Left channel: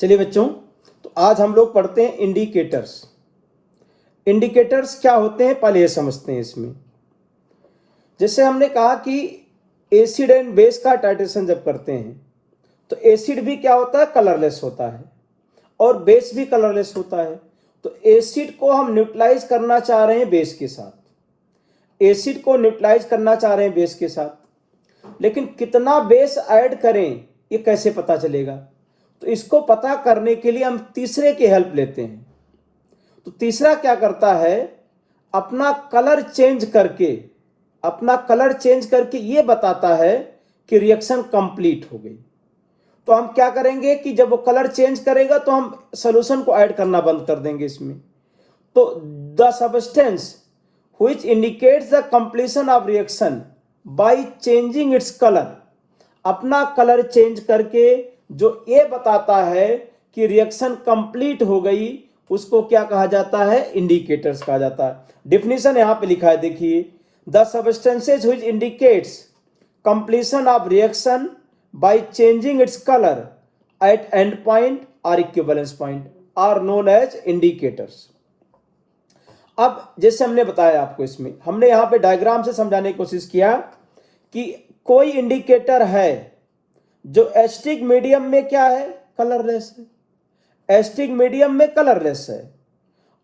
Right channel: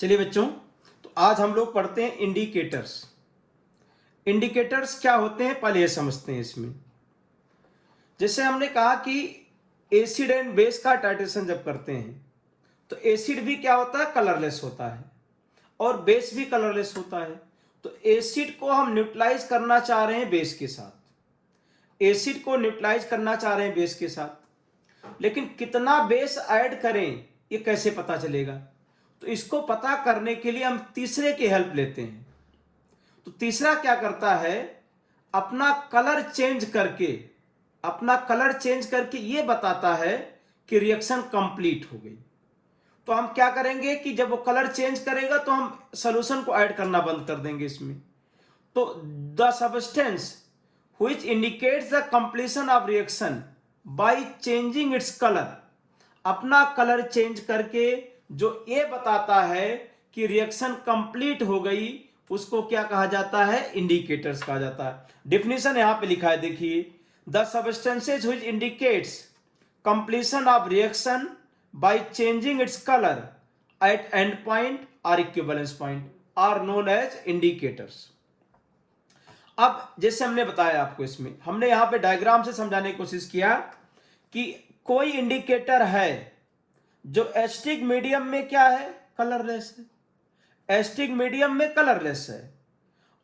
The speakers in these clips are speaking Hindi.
चलिए बच्चों, तो आज हम लोग पढ़ते हैं इंडिकेटर्स। इंडिकेटर्स क्या होते हैं पहले ये समझते हैं। इसमें जैसे हमने कहा कि एसिड एंड बेस का टाइट्रेशन जब करते हैं तो एसिड भी क्या होता है, कलरलेस होता है, और बेस भी कलरलेस होता है। तो एसिड को हम न्यूट्रलाइज करना चाह रहे हैं बेस के साथ, एसिड को न्यूट्रलाइज करना चाह रहे हैं बेस के साथ, लेकिन कितना बेस ऐड करें ये कैसे पता चलेगा? तो इसको पता करने के लिए हम तीसरे की हेल्प लेते हैं। तो तीसरा क्या करता है, अपना कलर चेंज करके ये बताता है कि रिएक्शन कंप्लीट हो गई। तो हम क्या करेंगे कि जब वो कलर चेंज करेगा तो हम सॉल्यूशन को ऐड करना बंद कर देंगे इसमें। तो the substance which indicates the completion of reaction by changing its colour, अपना कलर चेंज करके जो ये बताता है कि रिएक्शन कंप्लीट हो गई, उसको क्या कहा जाता है, इंडिकेटर्स कहा जाता है। डेफिनेशन यहां पे लिखा है, देखिए, the substances which indicates completion of reaction by changing its colour at end point और equivalence point are known as indicators. अब जैसे हमने बताया आपको, इसमें हमने यहां पे डायग्राम से समझाने की कोशिश किया कि कोई इंडिकेटर है जो एसिडिक मीडियम में क्या है, कलरलेस है, एसिडिक मीडियम में कलरलेस है,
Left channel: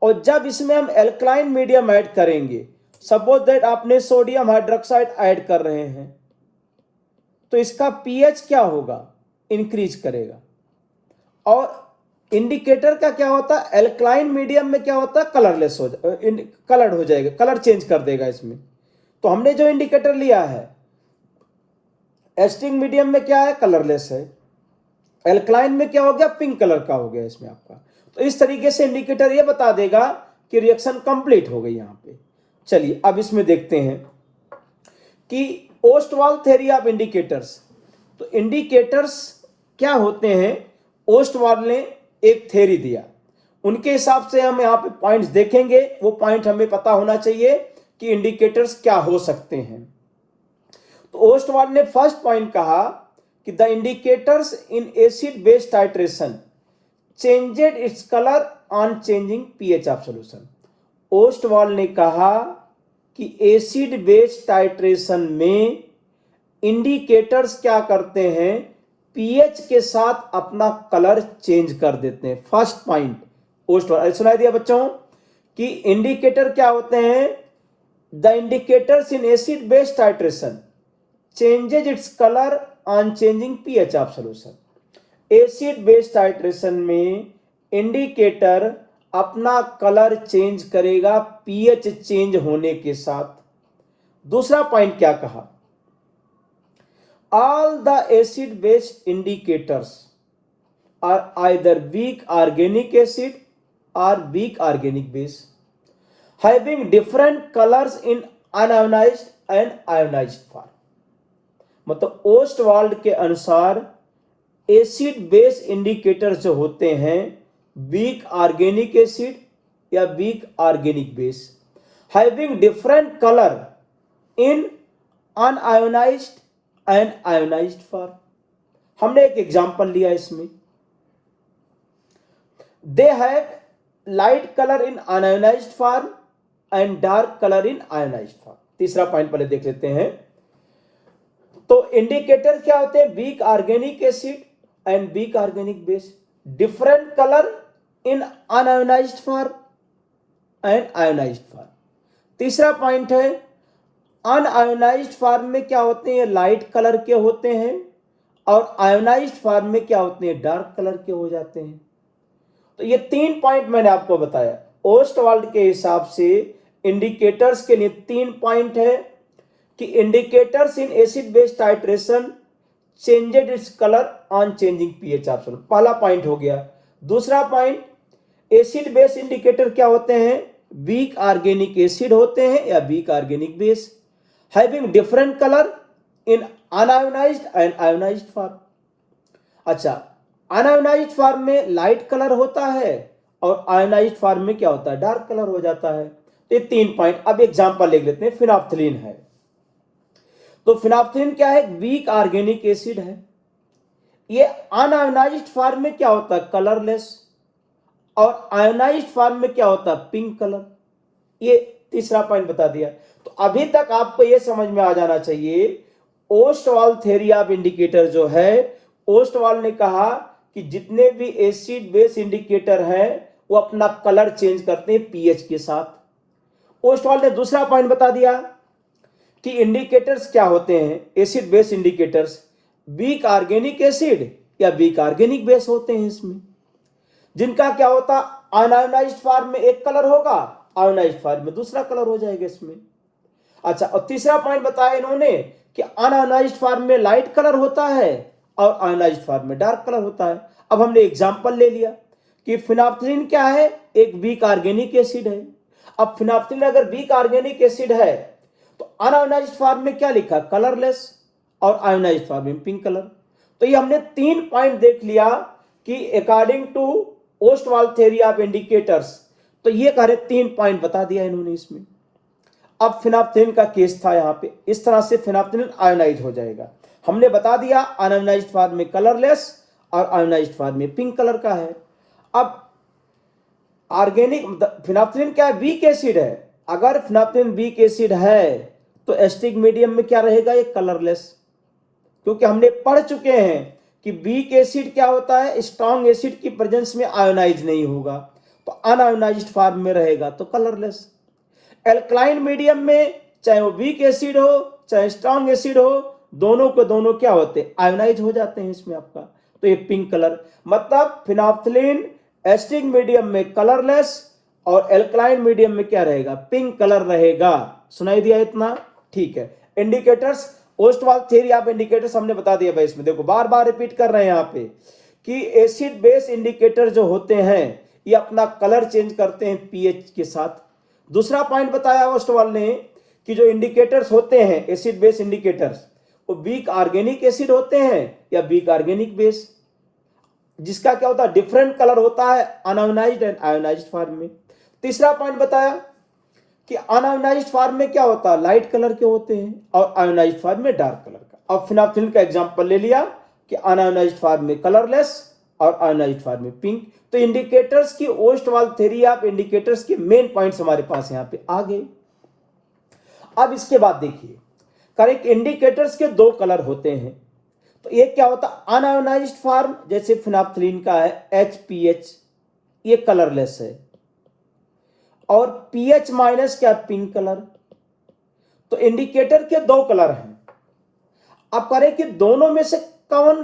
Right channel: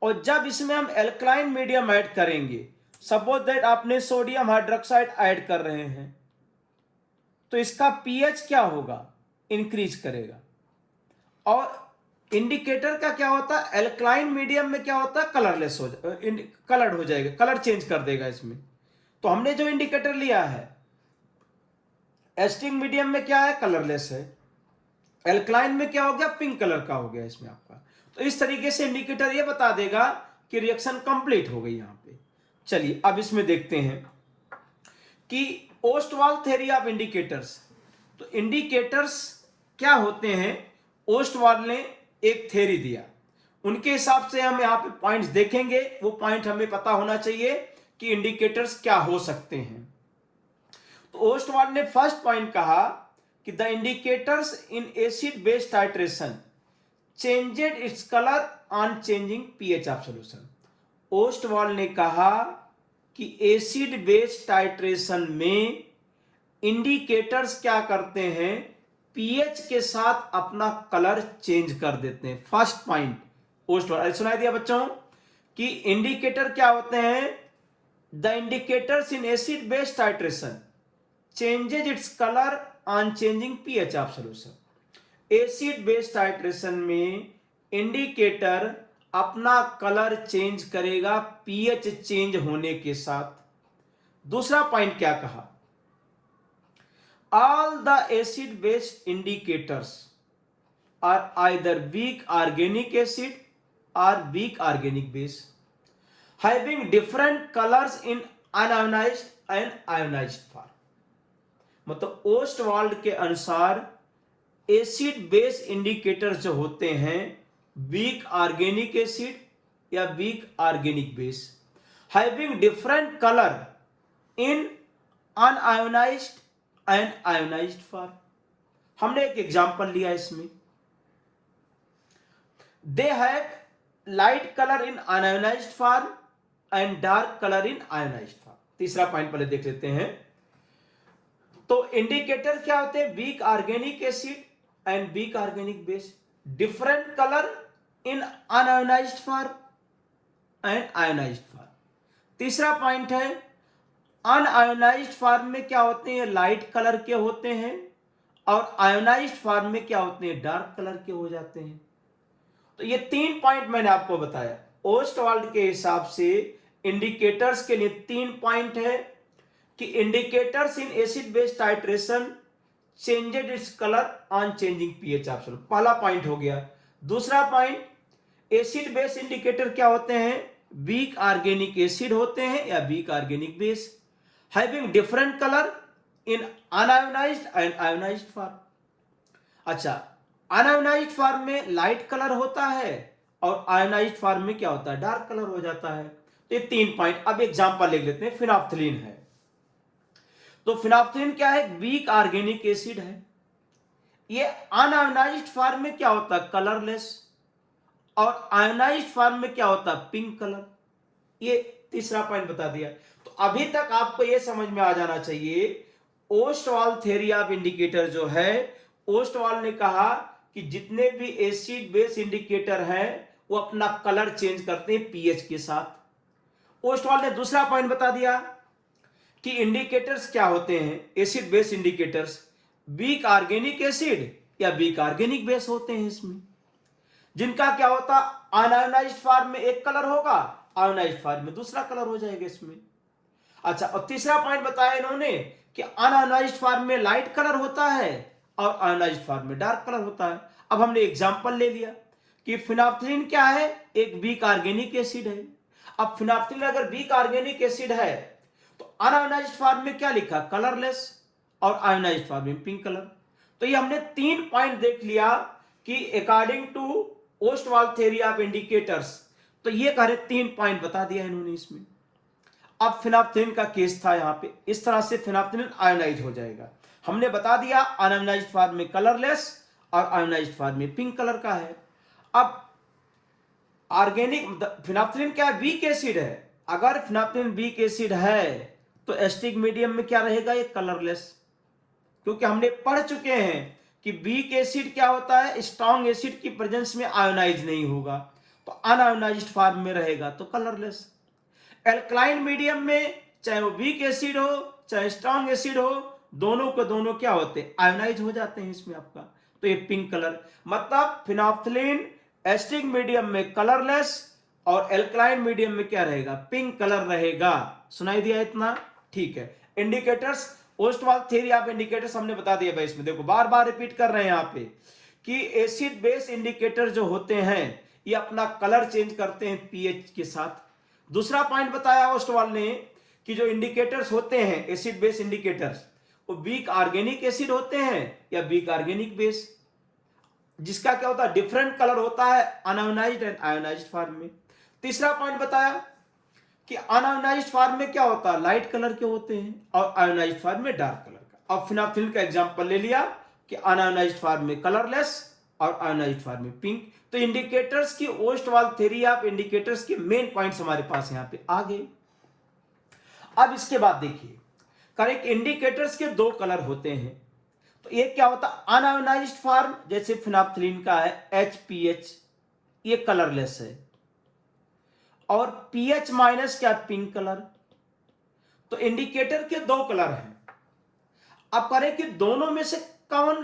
और जब इसमें हम एल्कलाइन मीडियम ऐड करेंगे, सपोज दैट आपने सोडियम हाइड्रोक्साइड ऐड कर रहे हैं, तो इसका पीएच क्या होगा, इंक्रीज करेगा। और इंडिकेटर का क्या होता है, एल्कलाइन मीडियम में क्या होता है, कलरलेस कलर्ड हो जाएगा, कलर चेंज कर देगा इसमें। तो हमने जो इंडिकेटर लिया है एसिडिक मीडियम में क्या है, कलरलेस है, एल्कलाइन में क्या हो गया, पिंक कलर का हो गया इसमें आपका। तो इस तरीके से इंडिकेटर ये बता देगा कि रिएक्शन कंप्लीट हो गई यहां पे। चलिए अब इसमें देखते हैं कि ओस्टवाल थ्योरी ऑफ इंडिकेटर्स। तो इंडिकेटर्स क्या होते हैं, ओस्टवाल ने एक थ्योरी दिया, उनके हिसाब से हम यहाँ पे पॉइंट्स देखेंगे। वो पॉइंट हमें पता होना चाहिए कि इंडिकेटर्स क्या हो सकते हैं। तो ओस्टवाल ने फर्स्ट पॉइंट कहा कि the indicators in acid base titration changed its colour on changing pH of solution. Ostwald ने कहा कि एसिड बेस टाइट्रेशन में इंडिकेटर्स क्या करते हैं, पीएच के साथ अपना कलर चेंज कर देते हैं। फर्स्ट पॉइंट ओस्टवाल सुनाई दिया बच्चों कि इंडिकेटर क्या होते हैं, the indicators in acid base titration changes it's colour on changing pH of solution. Acid base titration में इंडिकेटर अपना कलर चेंज करेगा पीएच चेंज होने के साथ। दूसरा पॉइंट क्या कहा, all the acid base indicators are either weak organic acid or weak organic base having different colors in unionized and ionized form। मतलब ओस्टवाल्ड के अनुसार एसिड बेस इंडिकेटर जो होते हैं वीक ऑर्गेनिक एसिड या weak organic base, having different colour in unionised and ionised form. हमने एक एग्जांपल लिया इसमें, they have light colour in unionised form and dark colour in ionised form. तीसरा पॉइंट पहले देख लेते हैं। तो इंडिकेटर क्या होते हैं, weak organic acid and weak organic base, different colour in unionised form and ionised form. तीसरा पॉइंट है अनआयोनाइज्ड फॉर्म में क्या होते हैं, लाइट कलर के होते हैं, और आयोनाइज्ड फॉर्म में क्या होते हैं, डार्क कलर के हो जाते हैं। तो ये तीन पॉइंट मैंने आपको बताया। ओस्टवाल्ड के हिसाब से इंडिकेटर्स के लिए तीन पॉइंट है कि indicators in acid base titration changed its colour on changing pH of solution, पहला पॉइंट हो गया। दूसरा पॉइंट, एसिड बेस इंडिकेटर क्या होते हैं, वीक ऑर्गेनिक एसिड होते हैं या weak organic base, having different color in unionized and ionized form। अच्छा, अनआयोनाइज्ड फॉर्म में लाइट कलर होता है और आयोनाइज्ड फॉर्म में क्या होता है, डार्क कलर हो जाता है। तो ये तीन पॉइंट। अब एग्जांपल ले लेते हैं, फिनोप्थलीन है। तो फिनोप्थलीन क्या है, वीक ऑर्गेनिक एसिड है। ये अनआयोनाइज्ड फॉर्म में क्या होता है, कलरलेस, और आयोनाइज्ड फॉर्म में क्या होता है, पिंक कलर। ये तीसरा पॉइंट बता दिया। तो अभी तक आपको ये समझ में आ जाना चाहिए, ओस्टवाल थ्योरी ऑफ इंडिकेटर जो है, ओस्टवाल ने कहा कि जितने भी एसिड बेस इंडिकेटर हैं वो अपना कलर चेंज करते हैं पीएच के साथ। ओस्टवाल ने दूसरा पॉइंट बता दिया कि इंडिकेटर्स क्या होते हैं, acid base indicators, weak organic acid या वीक ऑर्गेनिक बेस होते हैं इसमें, जिनका क्या होता, अनआयोनाइज्ड फॉर्म में एक कलर होगा, आयोनाइज्ड फॉर्म में दूसरा कलर हो जाएगा इसमें। अच्छा, और तीसरा पॉइंट बताया इन्होंने कि अनआयोनाइज्ड फॉर्म में लाइट कलर होता है और आयोनाइज्ड फॉर्म में डार्क कलर होता है। अब हमने एग्जांपल ले लिया कि फिनाफ्थलीन क्या है, एक वीक ऑर्गेनिक एसिड है। अब फिनाफ्थलीन अगर वीक ऑर्गेनिक एसिड है तो अनआयोनाइज्ड फॉर्म में क्या लिखा, कलरलेस, और आयोनाइज्ड फॉर्म में पिंक कलर। तो ये हमने 3 पॉइंट देख लिया कि according to Ostwald theory of indicators, तो ये कह रहे 3 पॉइंट बता दिया इन्होंने इसमें। अब फिनाफ्थलीन का केस था यहां पे, इस तरह से फिनाफ्थलीन आयोनाइज हो जाएगा। हमने बता दिया अनआयोनाइज्ड फॉर्म में कलरलेस और आयोनाइज्ड फॉर्म में पिंक कलर का है। अब ऑर्गेनिक फिनाफ्थलीन क्या है, वीक एसिड है। अगर फिनाफ्थलीन वीक एसिड है तो एसिडिक मीडियम में क्या रहेगा, ये कलरलेस, क्योंकि हमने पढ़ चुके हैं कि वीक एसिड क्या होता है, स्ट्रॉन्ग एसिड की प्रेजेंस में आयोनाइज नहीं होगा, तो अनआयोनाइज्ड फॉर्म में रहेगा तो कलरलेस। एल्कलाइन मीडियम में चाहे वो वीक एसिड हो चाहे स्ट्रॉन्ग एसिड हो, दोनों के दोनों क्या होते हैं, आयोनाइज हो जाते हैं इसमें आपका, तो ये पिंक कलर। मतलब फिनाफ्थलीन एसिडिक मीडियम में कलरलेस और एल्कलाइन मीडियम में क्या रहेगा, पिंक कलर रहेगा। सुनाई दिया इतना, ठीक है। Indicators, Ostwald theory of indicators हमने बता दिया भाई। इसमें देखो बार बार रिपीट कर रहे हैं यहाँ पे कि एसिड बेस इंडिकेटर जो होते हैं ये अपना कलर चेंज करते हैं पीएच के साथ। दूसरा पॉइंट बताया ओस्टवाल ने कि जो इंडिकेटर्स होते हैं एसिड बेस इंडिकेटर्स, वो वीक ऑर्गेनिक एसिड होते हैं या वीक ऑर्गेनिक बेस, जिसका क्या होता है, डिफरेंट कलर होता है अनआयोनाइज्ड एंड आयोनाइज्ड फॉर्म में। तीसरा पॉइंट बताया कि अनआयोनाइज्ड फॉर्म में क्या होता है, लाइट कलर के होते हैं और आयोनाइज्ड फॉर्म में डार्क कलर का। अब फिनाफ्थलीन का एग्जांपल ले लिया कि अनआयोनाइज्ड फॉर्म में कलरलेस और आयोनाइज्ड फॉर्म में पिंक। तो इंडिकेटर्स की ओस्टवाल थ्योरी ऑफ इंडिकेटर्स के मेन पॉइंट्स हमारे पास यहां पे आ गए। अब इसके बाद देखिए, करेक्ट इंडिकेटर्स के 2 कलर होते हैं। तो एक क्या होता है, अनआयोनाइज्ड फॉर्म, जैसे फिनाफ्थलीन का है HPH, ये कलरलेस है, और पीएच माइनस क्या, पिंक कलर। तो इंडिकेटर के 2 कलर हैं। अब करें कि दोनों में से कौन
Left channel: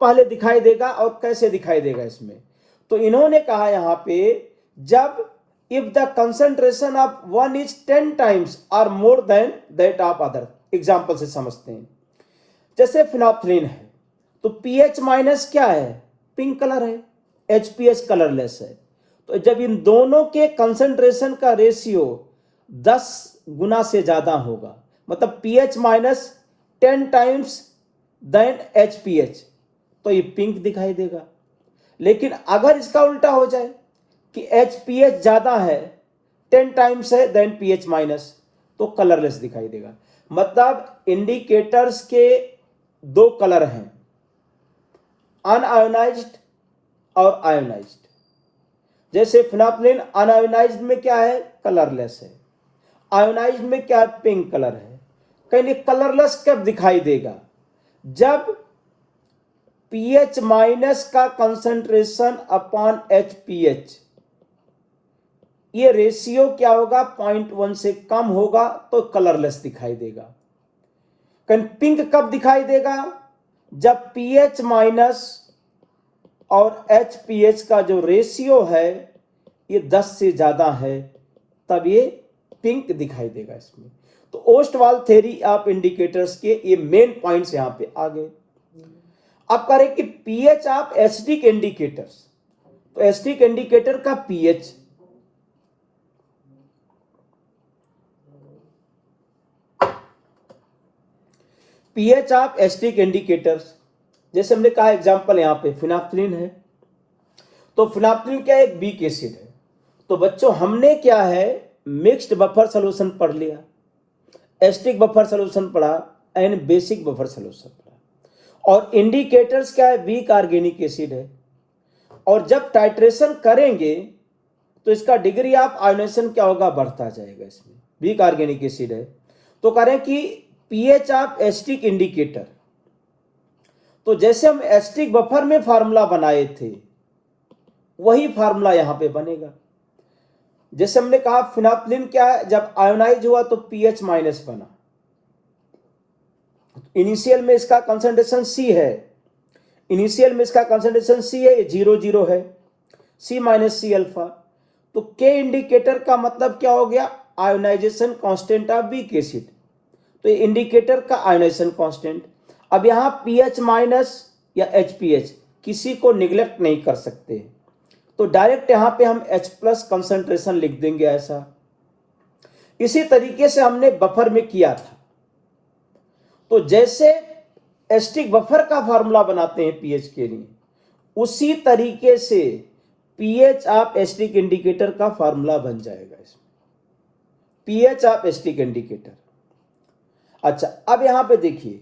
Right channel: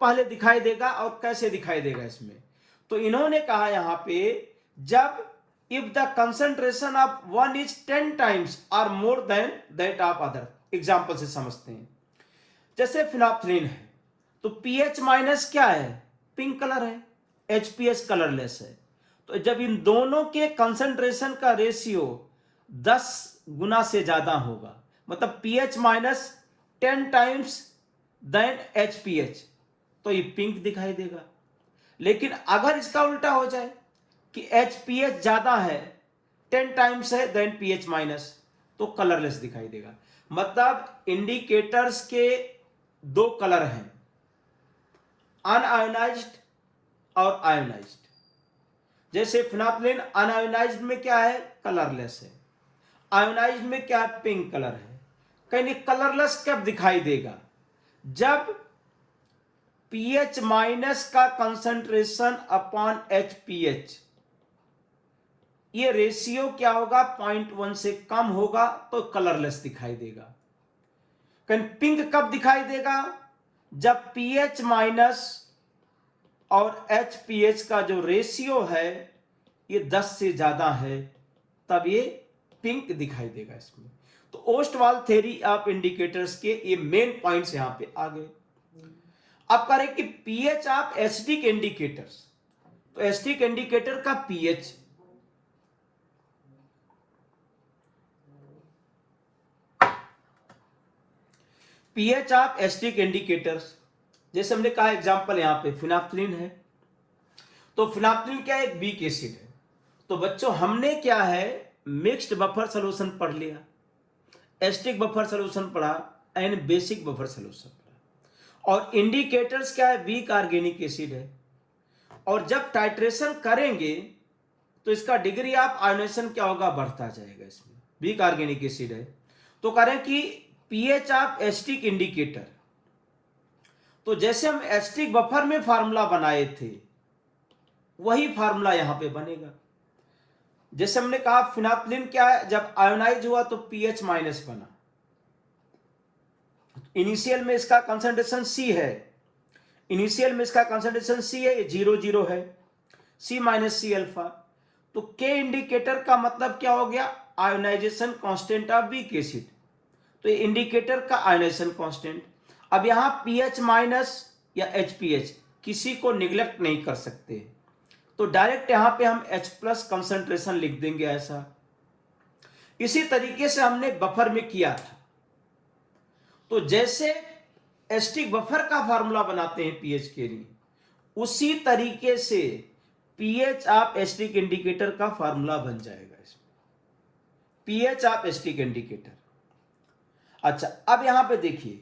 पहले दिखाई देगा और कैसे दिखाई देगा इसमें। तो इन्होंने कहा यहां पे, जब if the concentration of one is 10 times और more than that of other. Example से समझते हैं, जैसे फिनाफ्थलीन है तो पीएच माइनस क्या है, पिंक कलर है, HPH कलरलेस है। तो जब इन दोनों के कंसंट्रेशन का रेशियो 10 गुना से ज्यादा होगा, मतलब pH minus 10 times than HPH, तो ये पिंक दिखाई देगा। लेकिन अगर इसका उल्टा हो जाए कि HPH ज्यादा है, 10 टाइम्स है देन पीएच माइनस, तो कलरलेस दिखाई देगा। मतलब इंडिकेटर्स के 2 कलर हैं, अनआयोनाइज्ड और आयोनाइज्ड। जैसे फिनाफ्थलीन अनआयोनाइज्ड में क्या है, कलरलेस है, आयोनाइज्ड में क्या है, पिंक कलर है। कहीं कलरलेस कब दिखाई देगा, जब पीएच माइनस का कंसंट्रेशन अपॉन HPH, ये रेशियो क्या होगा, 0.1 से कम होगा तो कलरलेस दिखाई देगा। कहीं पिंक कब दिखाई देगा, जब पीएच माइनस और HPH का जो रेशियो है ये 10 से ज्यादा है, तब ये पिंक दिखाई देगा इसमें। तो ओस्टवाल थ्योरी ऑफ इंडिकेटर्स के ये मेन पॉइंट्स यहां पे आ गए। अब करें कि पीएच ऑफ एसिडिक इंडिकेटर्स, तो एसिडिक इंडिकेटर का pH, pH of acidic indicators, जैसे हमने कहा एग्जांपल यहां पे फिनाफ्थलीन है, तो फिनाफ्थलीन क्या है, एक वीक एसिड है। तो बच्चों हमने क्या है, मिक्स्ड बफर सॉल्यूशन पढ़ लिया, एसिडिक बफर सॉल्यूशन पढ़ा एंड बेसिक बफर सॉल्यूशन पढ़ा। और इंडिकेटर्स क्या है, वीक ऑर्गेनिक एसिड है। और जब टाइट्रेशन करेंगे तो इसका डिग्री ऑफ आयोनाइजेशन क्या होगा, बढ़ता जाएगा। इसमें वीक ऑर्गेनिक एसिड है तो करें कि पीएच ऑफ एसिटिक इंडिकेटर, तो जैसे हम एसिटिक बफर में फार्मूला बनाए थे वही फार्मूला यहां पे बनेगा। जैसे हमने कहा फिनाइल्फ्थ्रीन क्या है, जब आयोनाइज हुआ तो पीएच माइनस बना। इनिशियल में इसका कंसंट्रेशन सी है, इनिशियल में इसका कंसंट्रेशन सी है, ये 0 है, सी माइनस सी अल्फा। तो के इंडिकेटर का मतलब क्या हो गया, ionisation constant of weak acid. तो ये इंडिकेटर का आयोनाइजेशन कांस्टेंट। अब यहां पीएच माइनस या एचपीएच किसी को निगलेक्ट नहीं कर सकते, तो डायरेक्ट यहां पे हम H प्लस कंसंट्रेशन लिख देंगे ऐसा। इसी तरीके से हमने बफर में किया था। तो जैसे एसिटिक बफर का फार्मूला बनाते हैं पीएच के लिए, उसी तरीके से पीएच ऑफ एसिटिक इंडिकेटर का फार्मूला बन जाएगा इसमें, पीएच ऑफ एसिटिक इंडिकेटर। अच्छा, अब यहां पे देखिए,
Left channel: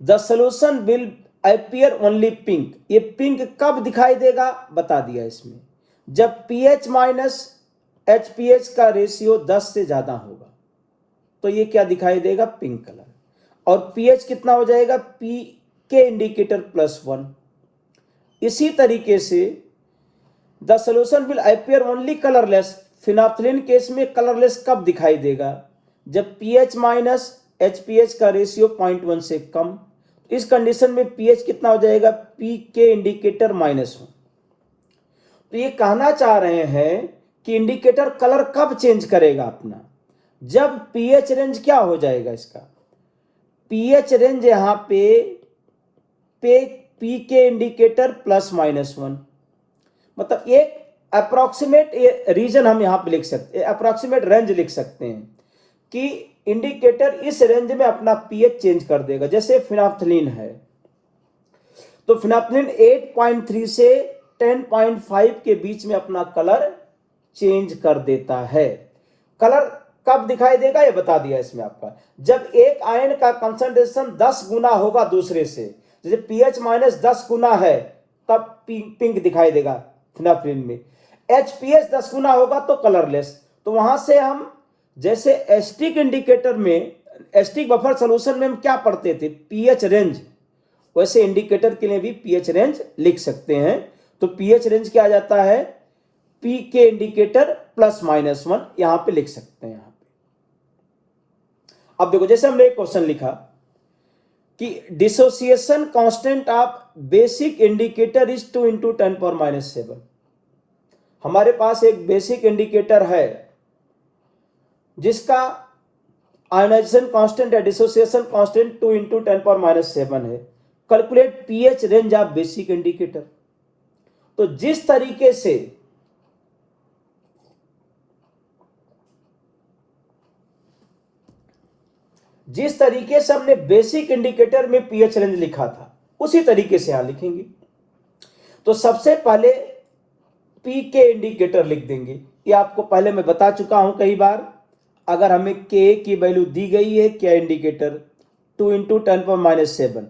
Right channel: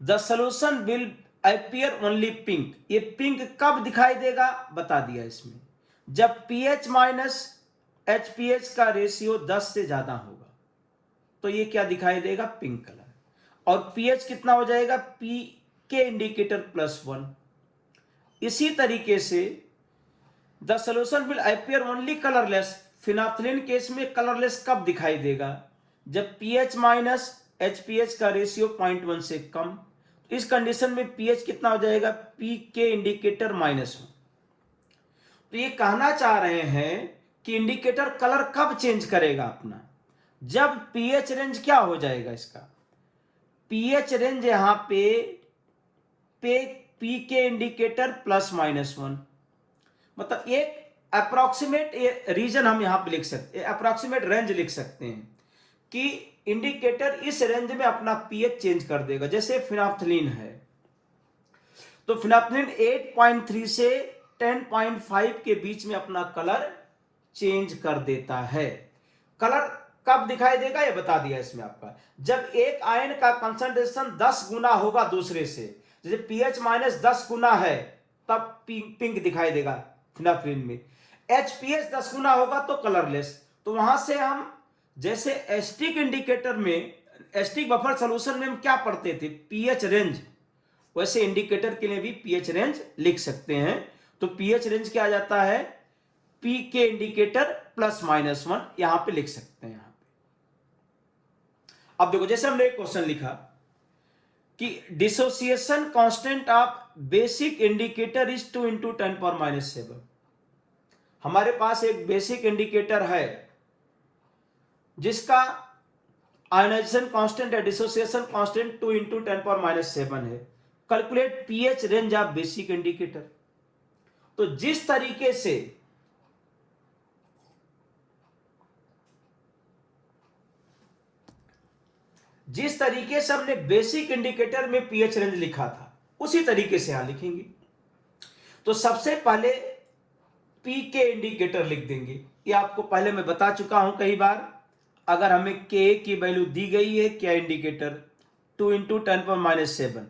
the solution will appear only pink. ये पिंक कब दिखाई देगा बता दिया इसमें, जब पीएच माइनस एचपीएच का रेशियो 10 से ज्यादा होगा तो ये क्या दिखाई देगा, पिंक कलर। और पीएच कितना हो जाएगा, पी के इंडिकेटर +1। इसी तरीके से the solution will appear only colourless. Phenolphthalein case में कलरलेस कब दिखाई देगा, जब पीएच माइनस एचपीएच का रेशियो 0.1 से कम। इस कंडीशन में पीएच कितना हो जाएगा, पी के इंडिकेटर -1। तो ये कहना चाह रहे हैं कि इंडिकेटर कलर कब चेंज करेगा अपना, जब पीएच रेंज क्या हो जाएगा इसका, पीएच रेंज यहां पे पी के इंडिकेटर +-1। मतलब एक अप्रोक्सीमेट रीजन हम यहां पे लिख सकते हैं, अप्रोक्सीमेट रेंज लिख सकते हैं कि इंडिकेटर इस रेंज में अपना पीएच चेंज कर देगा। जैसे फिनाइल्फ्थ्रीन है तो फिनाइल्फ्थ्रीन 8.3 से 10.5 के बीच में अपना कलर चेंज कर देता है। कलर कब दिखाई देगा ये बता दिया इसमें आपका, जब एक आयन का कंसंट्रेशन 10 गुना होगा दूसरे से, जैसे पीएच माइनस 10 गुना है तब पिंक दिखाई देगा फिनाइल्फ्थ्रीन में। एचपीएच 10 गुना होगा तो कलरलेस। तो वहां से हम जैसे एसिटिक इंडिकेटर में, एसिटिक बफर सॉल्यूशन में हम क्या पढ़ते थे, पीएच रेंज, वैसे इंडिकेटर के लिए भी पीएच रेंज लिख सकते हैं। तो पीएच रेंज क्या आ जाता है, पी के इंडिकेटर +-1 यहां पे लिख सकते हैं। यहां पे अब देखो, जैसे हमने एक क्वेश्चन लिखा कि dissociation constant of basic indicator is 2 × 10⁻⁷। हमारे पास एक बेसिक इंडिकेटर है जिसका आयोनाइजेशन कांस्टेंट है, डिसोसिएशन कांस्टेंट 2 × 10⁻⁷ है। Calculate pH range of basic indicator. तो जिस तरीके से हमने बेसिक इंडिकेटर में पीएच रेंज लिखा था उसी तरीके से यहां लिखेंगे। तो सबसे पहले पी के इंडिकेटर लिख देंगे। ये आपको पहले मैं बता चुका हूं कई बार, अगर हमें के की वैल्यू दी गई है क्या इंडिकेटर 2 × 10⁻⁷,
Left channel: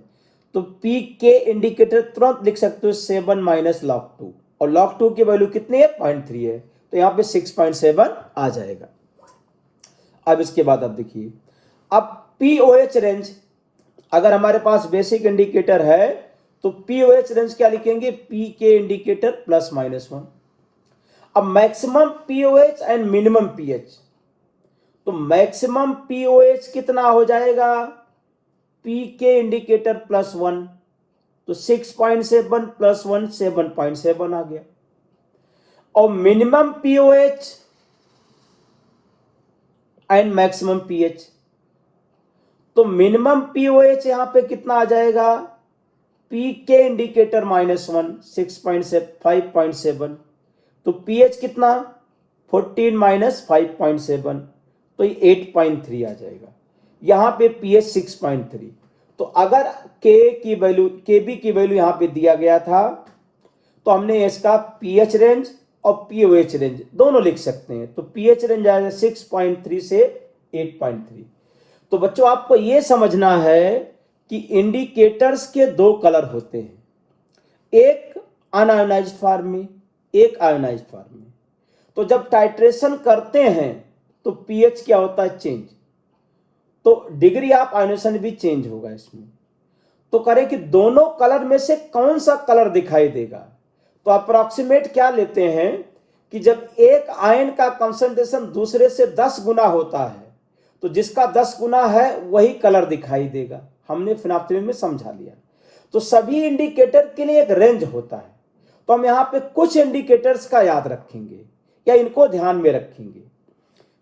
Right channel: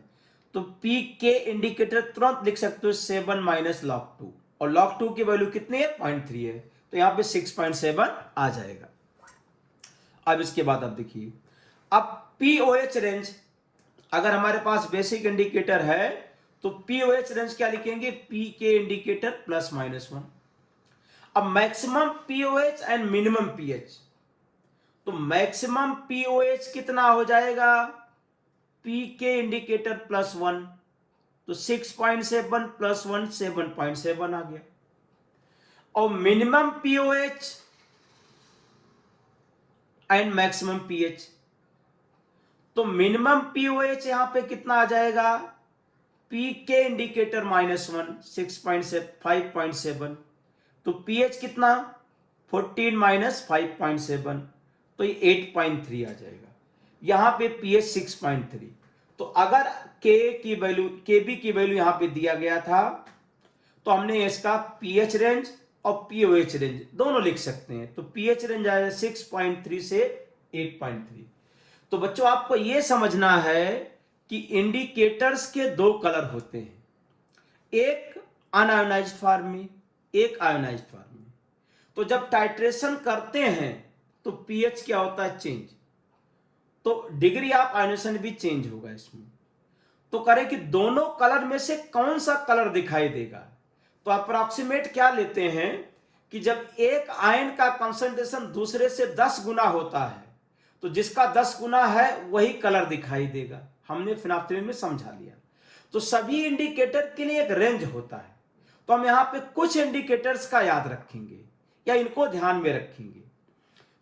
तो पी के इंडिकेटर तुरंत लिख सकते हो 7 - log2, और log2 की वैल्यू कितनी है, 0.3 है, तो यहां पे 6.7 आ जाएगा। अब इसके बाद अब देखिए, अब पीओएच रेंज, अगर हमारे पास बेसिक इंडिकेटर है तो पीओएच रेंज क्या लिखेंगे, पी के इंडिकेटर +-1। अब maximum pOH and minimum pH, तो मैक्सिमम पीओएच कितना हो जाएगा, पी के इंडिकेटर +1, तो 6.7 + 1 7.7 आ गया। और minimum pOH and maximum pH, तो मिनिमम पीओएच यहां पे कितना आ जाएगा, पी के इंडिकेटर -1 5.7, तो पीएच कितना 14 - 5.7, तो ये 8.3 आ जाएगा। यहां पे पीएच 6.3। तो अगर के की वैल्यू, के बी की वैल्यू यहां पे दिया गया था तो हमने इसका पीएच रेंज और पीओएच रेंज दोनों लिख सकते हैं। तो पीएच रेंज आएगा 6.3 से 8.3। तो बच्चों आपको यह समझना है कि इंडिकेटर्स के दो कलर होते हैं, एक अनआयोनाइज्ड फॉर्म में, एक आयोनाइज्ड फॉर्म में। तो जब टाइट्रेशन करते हैं तो पीएच क्या होता है, चेंज, तो डिग्री ऑफ आयोनेशन भी चेंज होगा इसमें। तो करें कि दोनों कलर में से कौन सा कलर दिखाई देगा, तो अप्रोक्सीमेट क्या लेते हैं कि जब एक आयन का कंसंट्रेशन दूसरे से 10 गुना होता है तो जिसका 10 गुना है वही कलर दिखाई देगा। हमने फिनाप्थलीन में समझा लिया। तो सभी इंडिकेटर के लिए एक रेंज होता है, तो हम यहाँ पे कुछ इंडिकेटर्स का याद रखेंगे या इनको ध्यान में रखेंगे।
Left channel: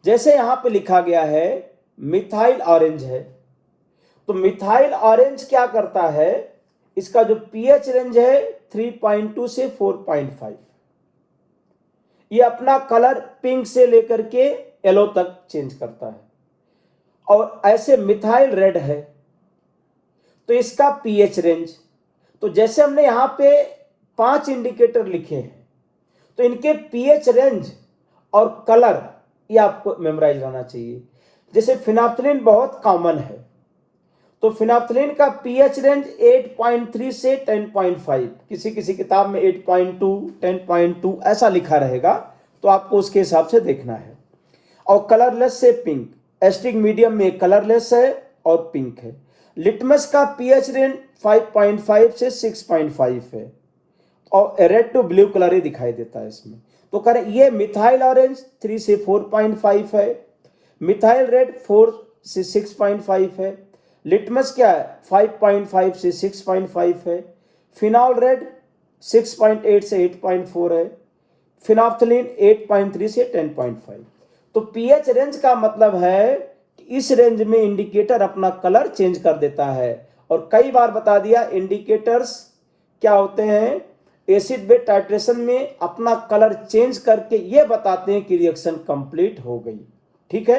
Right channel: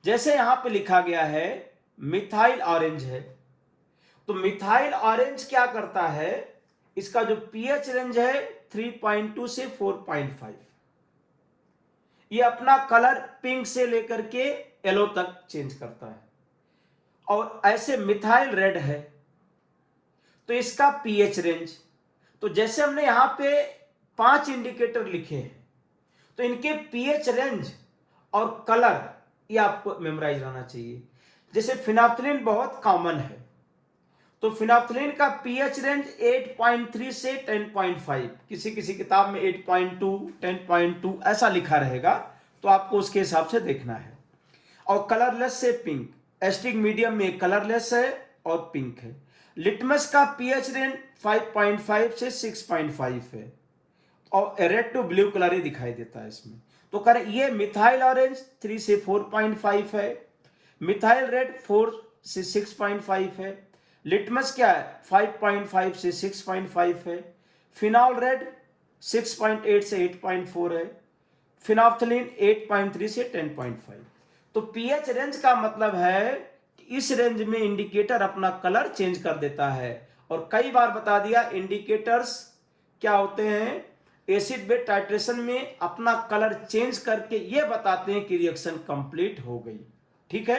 जैसे यहाँ पे लिखा गया है मिथाइल ऑरेंज है, तो मिथाइल ऑरेंज क्या करता है, इसका जो पीएच रेंज है 3.2 से 4.5, ये अपना कलर पिंक से लेकर के येलो तक चेंज करता है। और ऐसे मिथाइल रेड है, तो इसका पीएच रेंज, तो जैसे हमने यहां पे 5 इंडिकेटर लिखे हैं, तो इनके पीएच रेंज और कलर ये आपको मेमोराइज रहना चाहिए। जैसे फिनाप्थलीन बहुत कॉमन है, तो फिनाप्थलीन का पीएच रेंज 8.3 से 10.5, किसी किसी किताब में 8.2, 10.2 ऐसा लिखा रहेगा, तो आपको उसके हिसाब से देखना है। और कलरलेस से पिंक, एस्टिक मीडियम में कलरलेस है और पिंक है। लिटमस का पीएच रेंज 5.5 से 6.5 है और रेड टू ब्लू कलर ही दिखाई देता है इसमें। तो करें ये मिथाइल ऑरेंज 3 से 4.5 है, मिथाइल रेड 4 से 6.5 है, लिटमस क्या है 5.5 से 6.5 है, फिनॉल रेड 6.8 से 8.4 है, फिनाप्थलीन 8.3 से 10.5। तो पीएच रेंज का मतलब है कि इस रेंज में इंडिकेटर अपना कलर चेंज कर देता है। और कई बार बता दिया इंडिकेटर्स क्या होते हैं, एसिड बेस टाइट्रेशन में अपना कलर चेंज करके ये बताते हैं कि रिएक्शन कंप्लीट हो गई। ठीक है।